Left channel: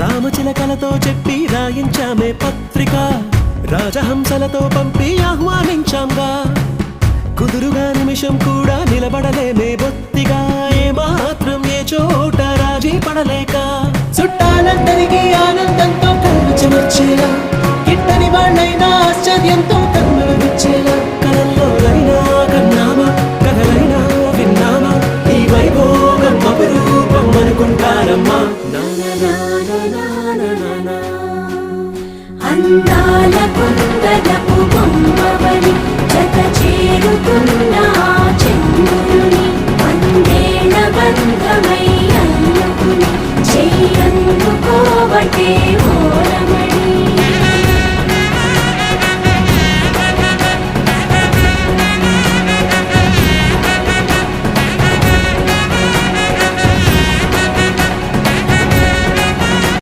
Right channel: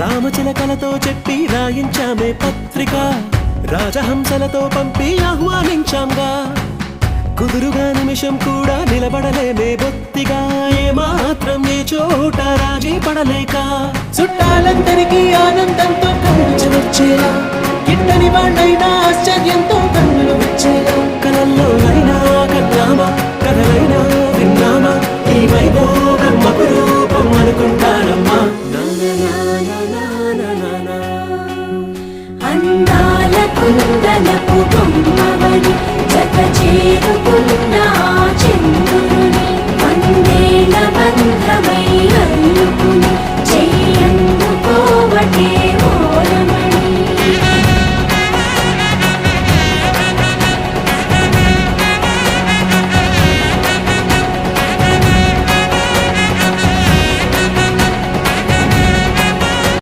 రామచిలకలతో చెప్పి రాయించామే పత్రిక రాజహంసలతో పంపి ఆహ్వానించాంగా కుదురుగా నిమిషం కూడా నిలబడలేమే బొత్తిగా ఏమాత్రం ఏ చోట రాజీ పడలేక చుట్టాలందరికీ ఆనందంతో కళ్ళు చెమర్చేలా గిట్టని వాళ్ళైనా ఆశ్చర్యంతో కన్నులు వచ్చేలా కలల్లోనైనా కన్నామా కథలైనా విన్నామా ఈ వైభోగం అపురూపం అనుకుంటానమ్మా అందాల కుందనపు బొమ్మవని జత చేరుకున్న చంద్రుని వందేల బంధమై అల్లుకుని చెయ్యందుకోవటే